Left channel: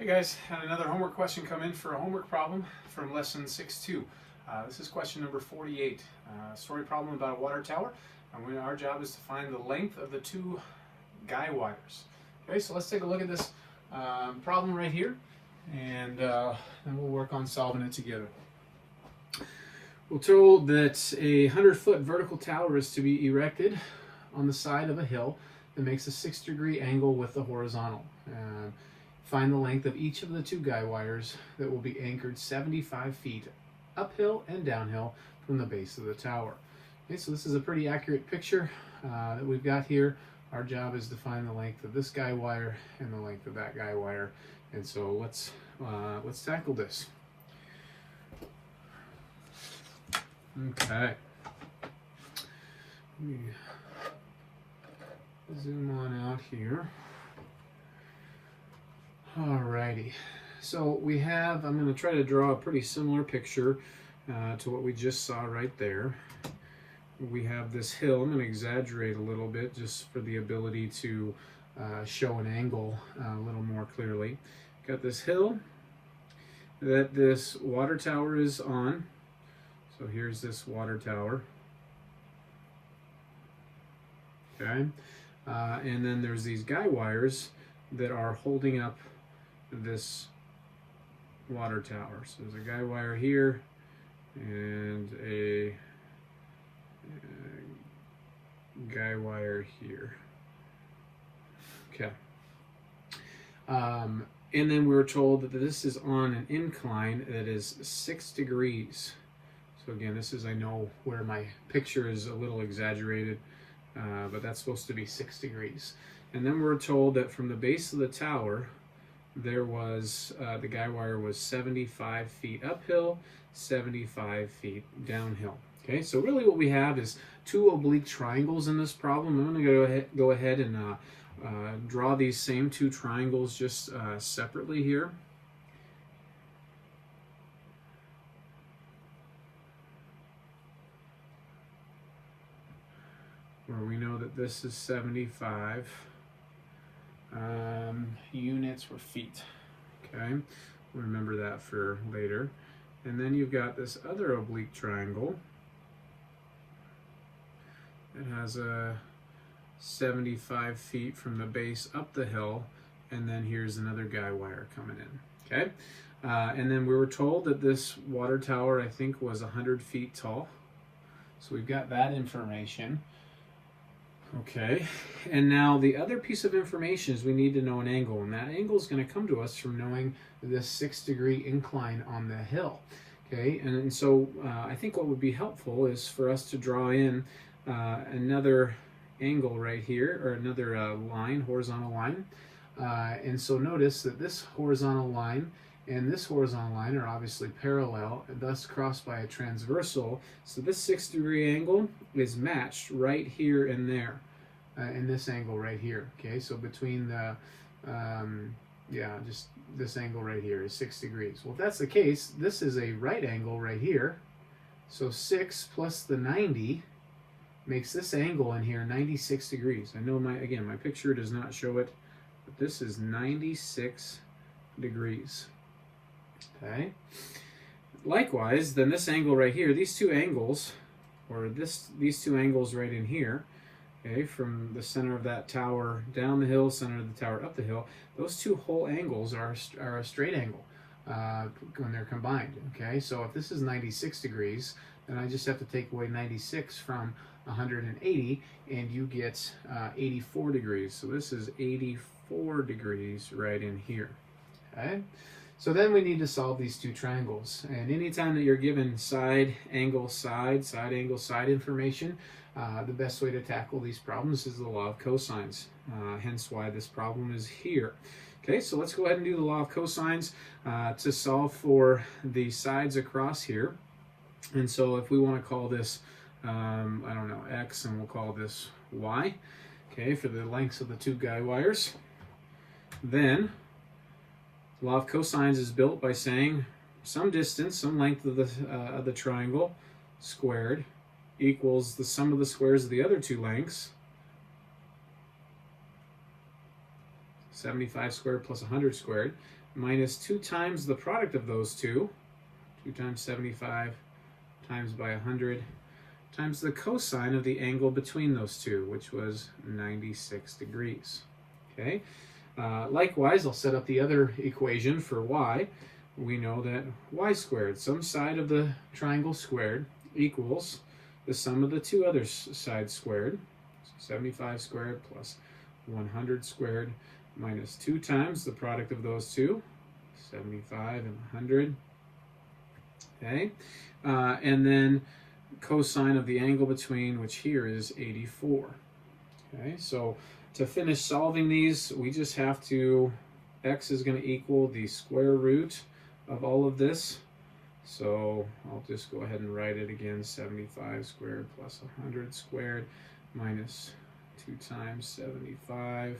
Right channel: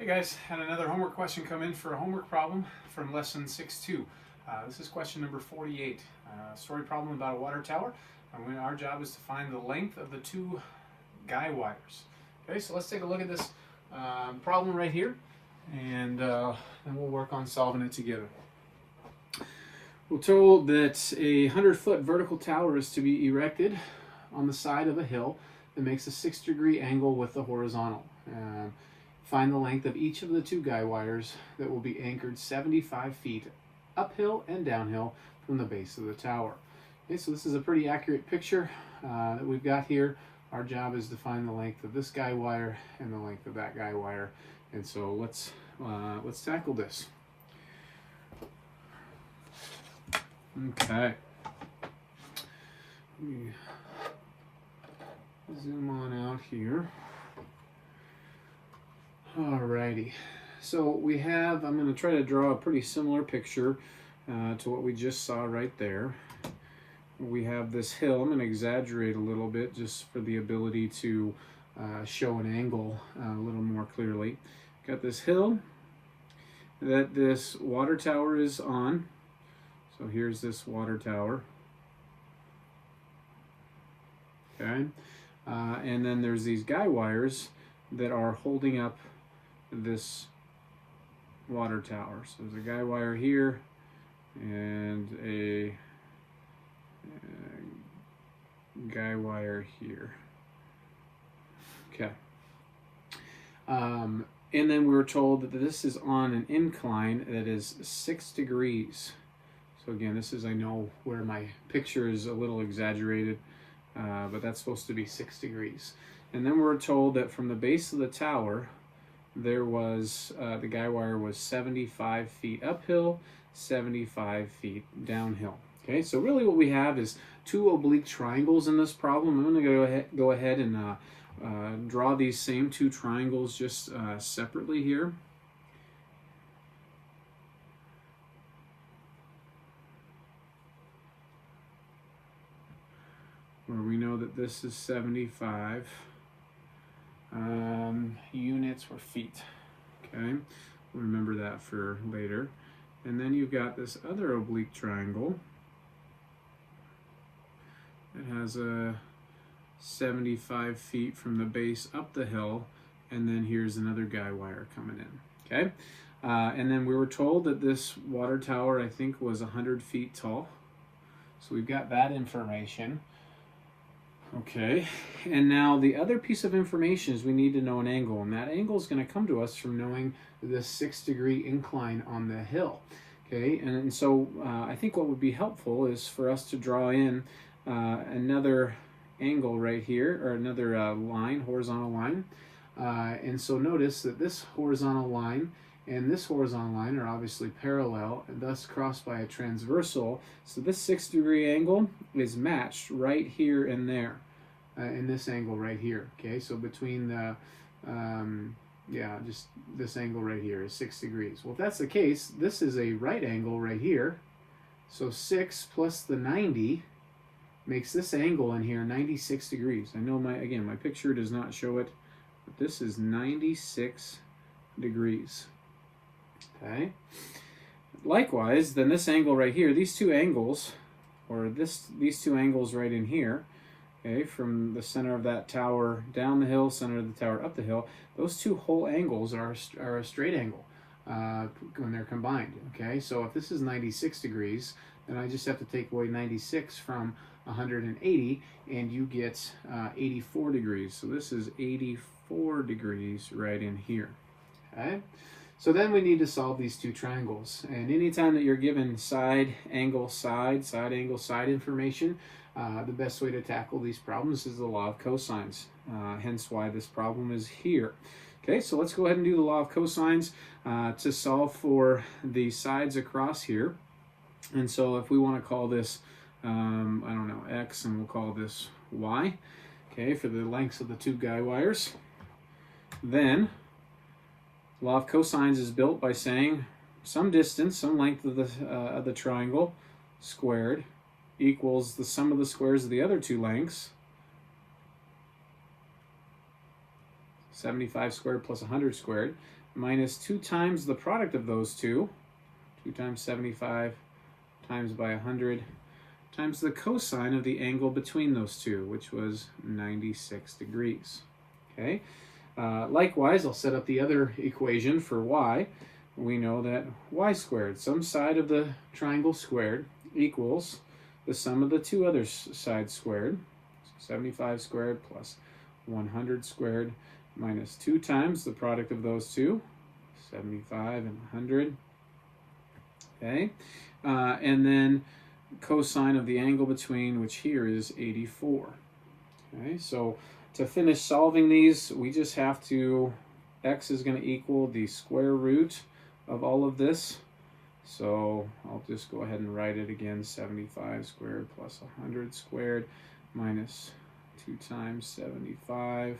Hey guys, had another homework question come in for a homework problem from lesson 6-2. This is question number 48. Story problem about a water tower. Our job is to find the length of the two guy wires. Okay, so let's take a look at this problem right here, and then we'll work on solving it together. We're told that a 100-foot vertical tower is to be erected on the side of a hill that makes a 6-degree angle with the horizontal. Find the length of each of the two guy wires that will be anchored 75 feet uphill and downhill from the base of the tower. Okay, so this is a pretty accurate picture that we've got here. Our job is to find the length of this guy wire and the length of that guy wire. And so let's tackle this. Okay. Let me zoom on out here. Alrighty, so we have, I'm going to try to draw a pretty similar picture to what we just saw right there. We have this hill. I'm going to exaggerate a little bit just for the ability to show an angle a little more clearly. Got this hill that this water tower is on. So here's this water tower. Okay, and then there's these guy wires that are holding up this water tower. So there's a guy wire here and a guy wire here. Okay. And then we were told that this is on an incline that is 6 degrees. So again, this is, I know where my picture is a little exaggerated, but that's supposed to be 6 degrees. And then we're told that from the base of the tower, there was, the guy wire was 75 feet uphill, 75 feet downhill. Okay, so really what we have is two oblique triangles in this problem. I'm going to go ahead and draw these same two triangles just separately here. Where we know that this is 75 units or feet. Okay, remember that for later. And then you've got this other oblique triangle. It has a 75 feet from the base up the hill, and then here's another guy wire coming in. Okay, and then we were told that this water tower, I think, was 100 feet tall. So we've got that information. Okay, and now the other piece of information is we need to know an angle, and that angle is going to come to us from knowing this 6-degree incline on the hill. Okay, and so I think what would be helpful is for us to draw in another angle right here, or another line, horizontal line. And so notice that this horizontal line and this horizontal line are obviously parallel and thus crossed by a transversal. So this 6-degree angle is matched right here and there in this angle right here. Okay, so between the, just this angle right here is 6 degrees. Well, if that's the case, this is a right angle right here. So 6 plus the 90 makes this angle in here 96 degrees. I know my picture does not show it, but this is 96 degrees. Okay. Likewise, then this angle right here, these two angles, or these two angles right in here, okay, from the center of that tower down the hill, center of the tower up the hill, those two whole angles are a straight angle when they're combined. Okay, so if this is 96 degrees, then I just have to take away 96 from 180, and you get 84 degrees. So this is 84 degrees right in here. Okay. So then we need to solve these two triangles. And anytime that you're given side angle, side angle, side information, the best way to tackle these problems is the law of cosines. Hence why this problem is here. Okay, so let's go ahead and do the law of cosines to solve for the sides across here. And so if we want to call this, I don't know, X, and we'll call this Y, okay, for the lengths of the two guy wires, then law of cosines is built by saying some distance, some length of the triangle squared equals the sum of the squares of the other two lengths 75 squared plus 100 squared, minus 2 times the product of those two, 2 times 75 times by 100, times the cosine of the angle between those two, which was 96 degrees. Okay. Likewise, I'll set up the other equation for y. We know that y squared, some side of the triangle squared, equals the sum of the two other sides squared. So 75 squared plus 100 squared minus 2 times the product of those two, 75 and 100. Okay. And then cosine of the angle between, which here is 84. Okay, so to finish solving these, we just have to, x is going to equal the square root of all of this. So I'll just go ahead and write it again, 75 squared plus 100 squared minus 2 times 75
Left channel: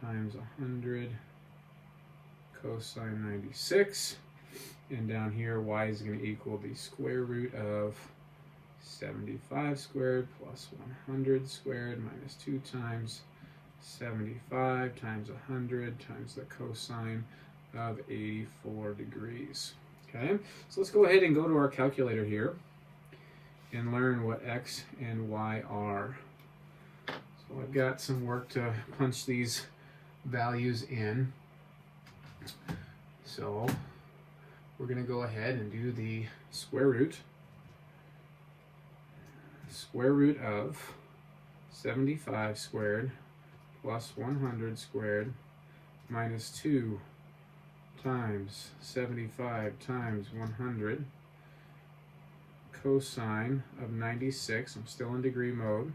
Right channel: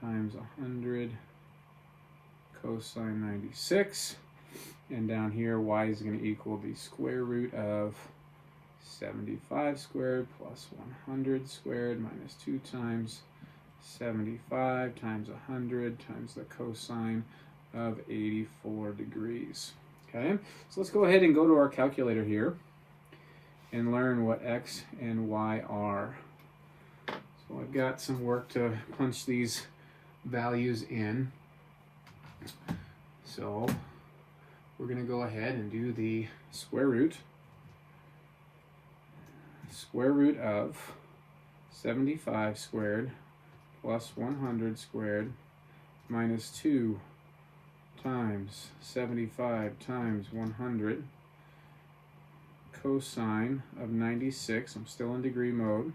times 100 cosine 96. And down here, y is going to equal the square root of 75 squared plus 100 squared minus 2 times 75 times 100 times the cosine of 84 degrees. Okay, so let's go ahead and go to our calculator here and learn what x and y are. So I've got some work to punch these values in. So we're going to go ahead and do the square root. Square root of 75 squared plus 100 squared minus 2 times 75 times 100 cosine of 96. I'm still in degree mode.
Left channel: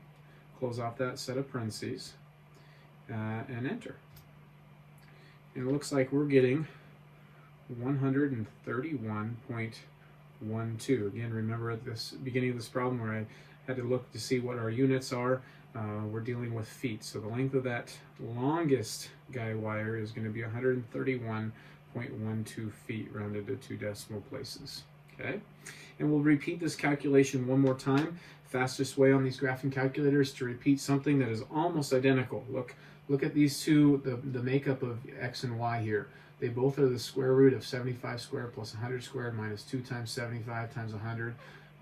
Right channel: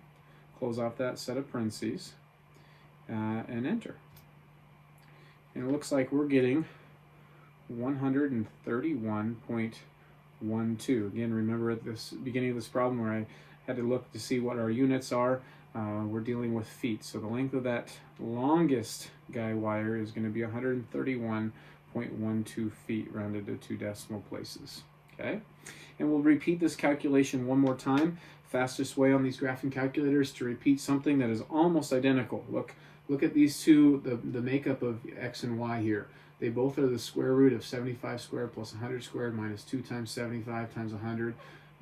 Close off that set of parentheses and enter. And it looks like we're getting 131.12. Again, remember at this beginning of this problem where I had to look to see what our units are. We're dealing with feet, so the length of that longest guy wire is going to be 131.12 feet, rounded to 2 decimal places. Okay, and we'll repeat this calculation one more time. Fastest way on these graphing calculators to repeat something that is almost identical. Look at these two, the makeup of x and y here. They both are the square root of 75 squared plus 100 squared minus 2 times 75 times 100.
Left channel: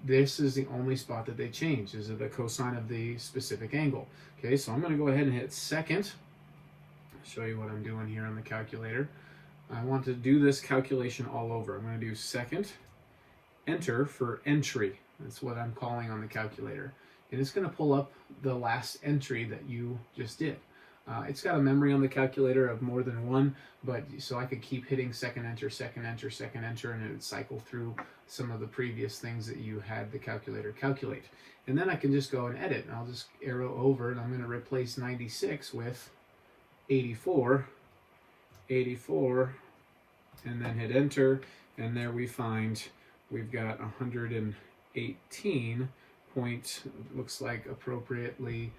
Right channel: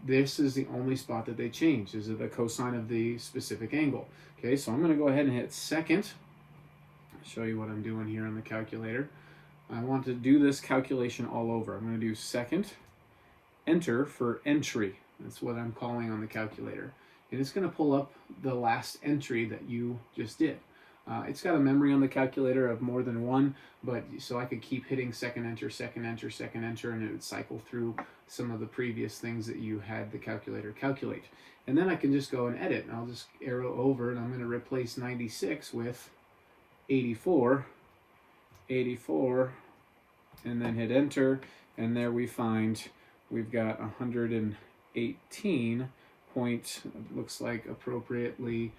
This is the only spot that they change, is the cosine of the specific angle. Okay, so I'm going to go ahead and hit second. Show you what I'm doing here on the calculator. I want to do this calculation all over. I'm going to do second, enter for entry. That's what I'm calling on the calculator. And it's going to pull up the last entry that you just did. It's got a memory on the calculator of more than one, but so I could keep hitting second enter, second enter, second enter, and it would cycle through some of the previous things that you had the calculator calculate. And then I can just go and edit, and I'll just arrow over, and I'm going to replace 96 with 84, 84, and then hit enter, and there we find we've got 118 point, looks like appropriately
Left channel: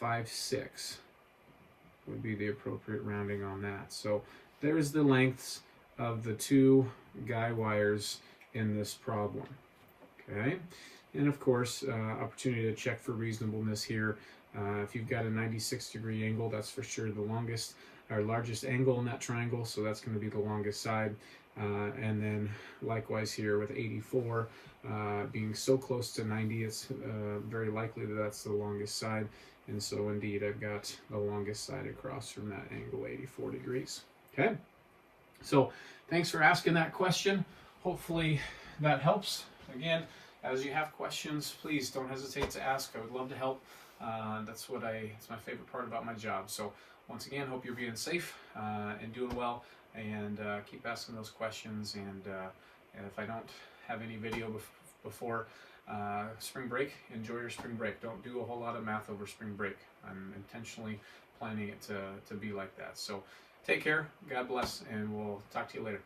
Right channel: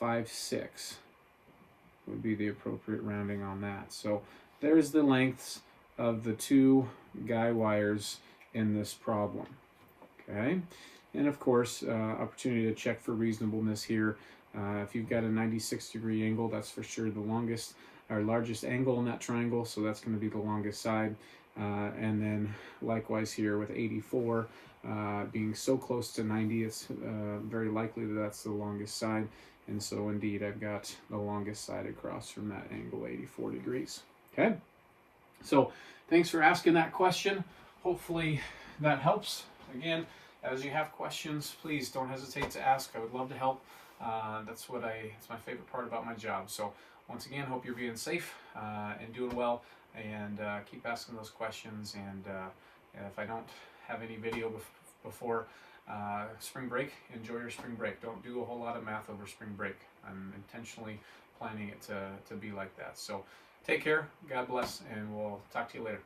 56. Would be the appropriate rounding on that. So there's the lengths of the two guy wires in this problem. Okay, and of course, opportunity to check for reasonableness here. If you've got a 96-degree angle, that's for sure the longest or largest angle in that triangle, so that's going to be the longest side. And then likewise here with 84 being so close to 90, it's very likely that that's the longest side. And so indeed, I've got the longest side across from that angle, 84 degrees. Okay, so thanks for asking that question. Hopefully that helps. Again, as you have questions, please don't hesitate to ask. I would love to help. It's my favorite part about my job. So once again, hope you're being safe and doing well, and keep asking those questions. And if I don't have any video before spring break, enjoy your spring break. Don't do a whole lot of math over spring break. I'm intentionally planning it to be like that. So take care, God bless, and we'll talk to you later.